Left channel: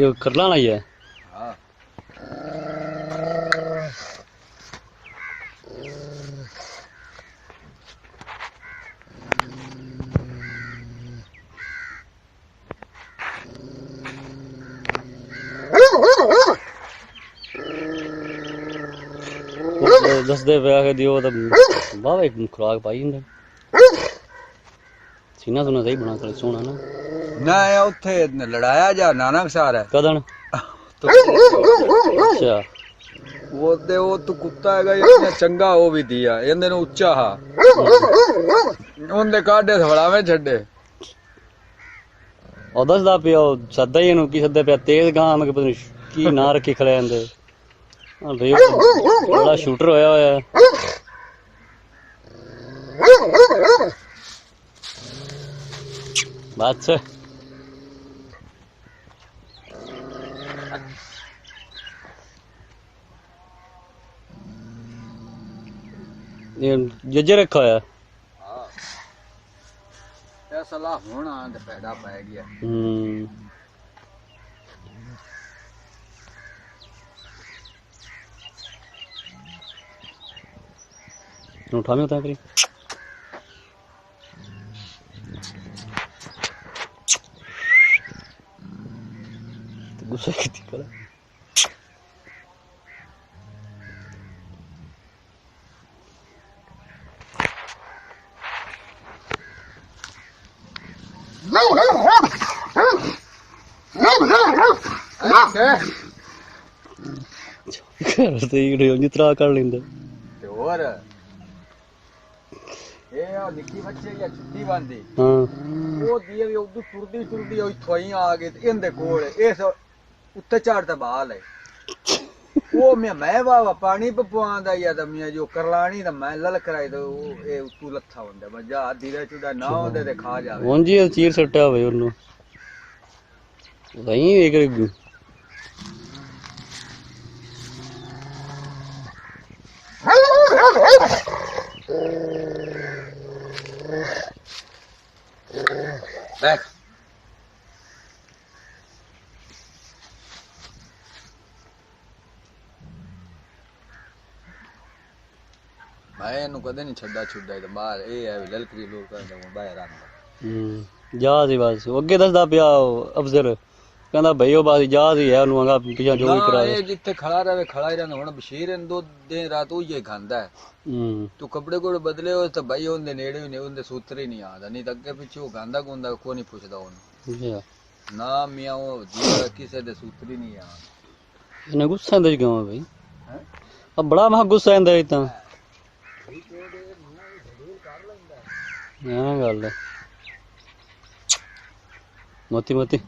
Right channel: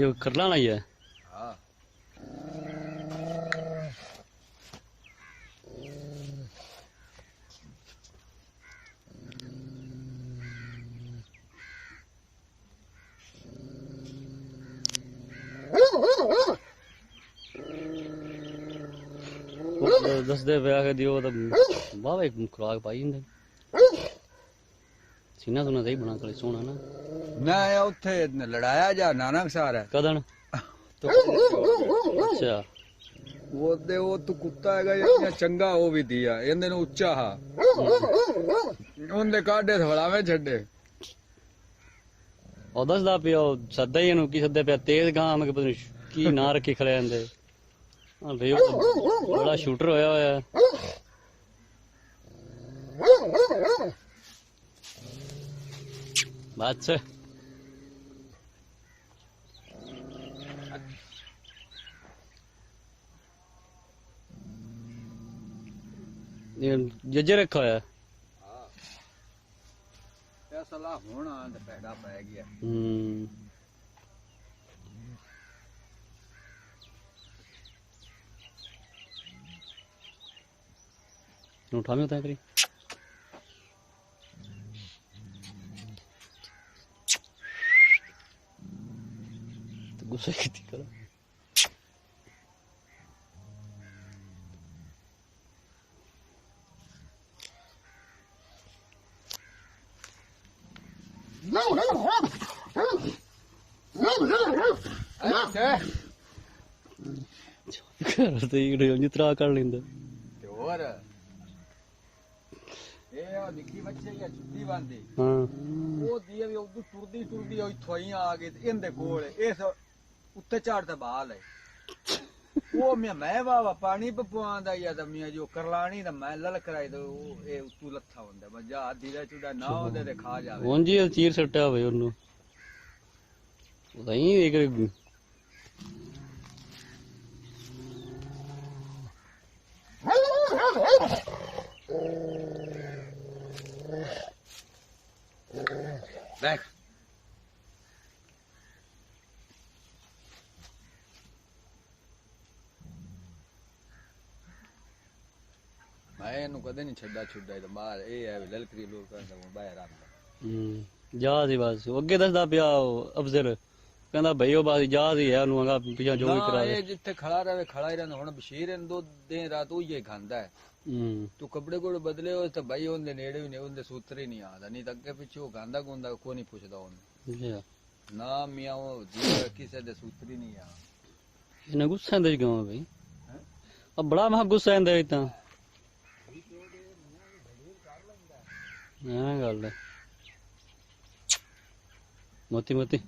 ये करला नहीं है। हाँ दस दे पे दियो तो वाह एक खुराक पाई इंदे सीना सुना सही बना कर सोना ना ना है उत्थे लड़ाया जा नानक सार है कदन तो अच्छा वो तो कुत्ता है इतना चंगा वो भी दिया इन्हें उच्चा हा उनके काटे थवड़ावे छड़े और दस दा पिया सदा ही इनू की सदा पिया तेज गां में पता नहीं की ना रखी खड़े आंदे हां भाई बड़ा शूटर होया होया है बात से ये जज्जे रखा है सलाह होना तो पैदा पै गया उठा में होता है करी गुस्सा किती करा जितना कर लेंगे और ये आ निक्की बच्चे या छुट्टी बांधी हाँ वो दिए भी उधर टुरदी टुरदी ओई थोई आ गए इंदे कोल इस उत्ते चढ़ बाल है वो मैं वावा पानी पवांदा या तो मैं जो करलानी तो मैं लल कराई तो ये तू लथा हुंदा मजा धीरे चुदा ना होंदे ते खा जावे हाँ जी चीर सट्टा भाई उन्होंने वही एक देख मैं इन्हू कदे नहीं छड्डा छुड्डा तो बाहर ये है ललकरी लोग करदा बाहर आंदा जा सी बस अगे दसदा पिया अफजल कहंदा भाई ओ बस जा सी है ओनू आगा पिछा जो भी करा ये जिथे खड़ा रहे खड़ा ही रहना हुण बशीर इन दो दिन रात वो ये खांदा है तू कपड़े कोड़े बदले हो तो भाई उनके नेड़े भी नहीं उनके सूत्र ही नहीं आता नहीं तो अगे पिछे वो गांदा गुंदा को नहीं पुछदा ओनू ना मियां वो जीवा किसे दे सूत्र ही नहीं आता इन्हें गुस्सा इंदे क्यों है भाई अब बड़ा महा गुस्सा इंदे इतना गल है मोती मोती